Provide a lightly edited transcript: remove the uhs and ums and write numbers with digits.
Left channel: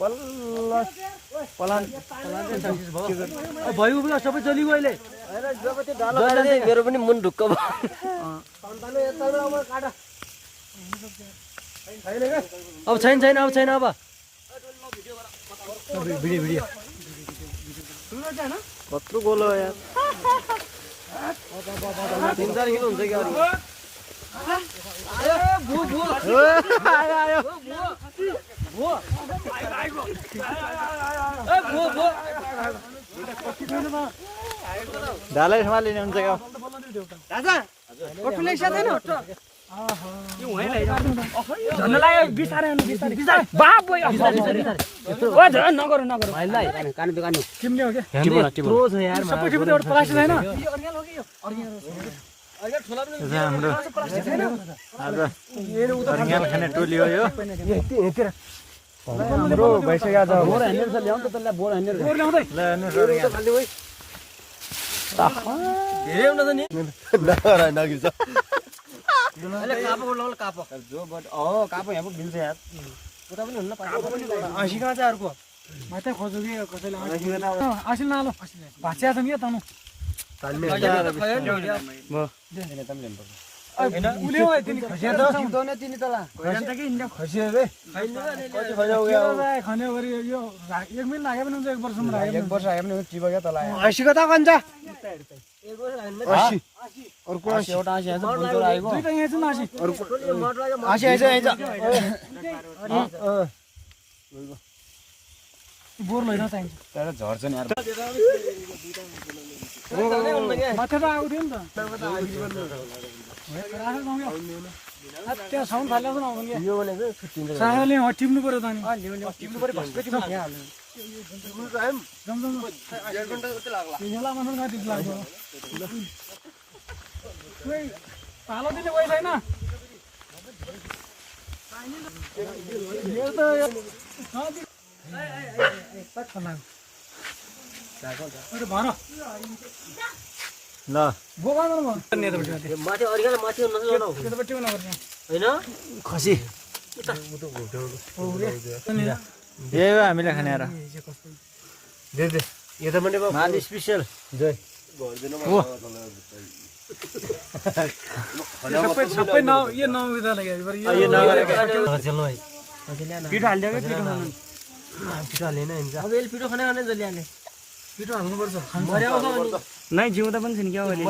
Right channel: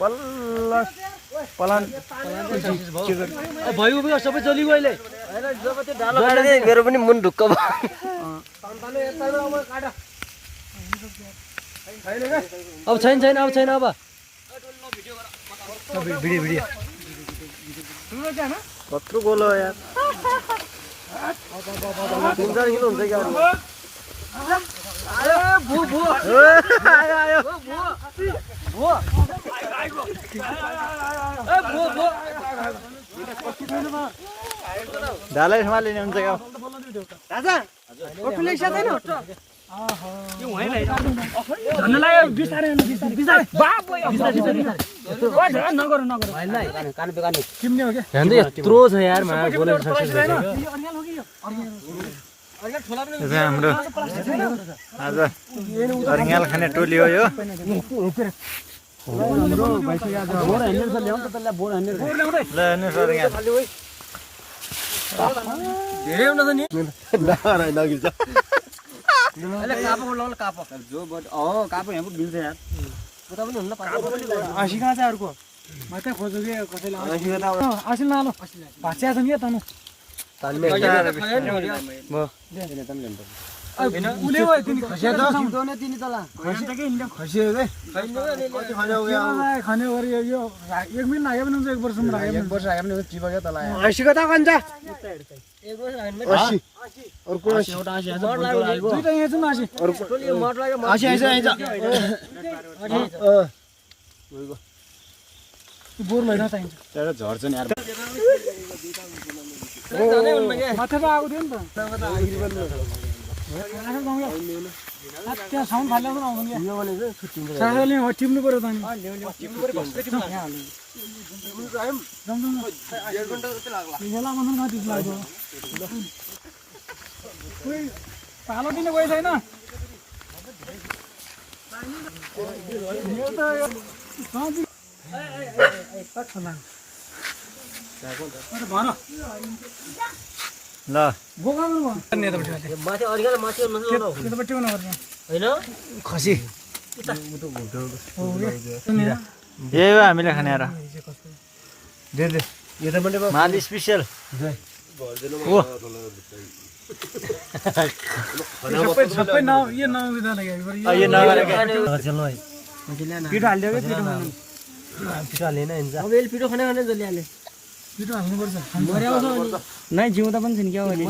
बल्ल पलान भयो भयो सबै चलिगयो अहिले मेरो पनि मुन ढुक्क भयो अब छैन छैन अब छैन अब भिडियो भिडियो कत्रो गोल हो यार 3-4 किलो हुन्छ क्या आयो ढालै सम्हालिने हुन्छ क्या राजा ओटुले सादैन यत्रो छ यार हाम्रो आज अर्ग्याल खाने टोली हो यो आसी कहाँ चाहिँ अर्को मात्रै खोज्यो कि कसैलाई आसी नआलो भाँचिया छ नि तनु झर्छ नि यार माथि त आएको थियो नि त त्यो साउन्ड फाल्यो पनि आउँदैन यो भनेको सायाले टिप्नु पर्यो त नि टिप्नु पर्यो भस्दै टिप्नु हाल्नु पालो दिने गयो छैन ल खसी यही हो हामीले खाने माल स्पेसल पिठो खाने पिठो हाल्नुपर्छ नै जिउँदा पनि छिन् क्या हाम्रो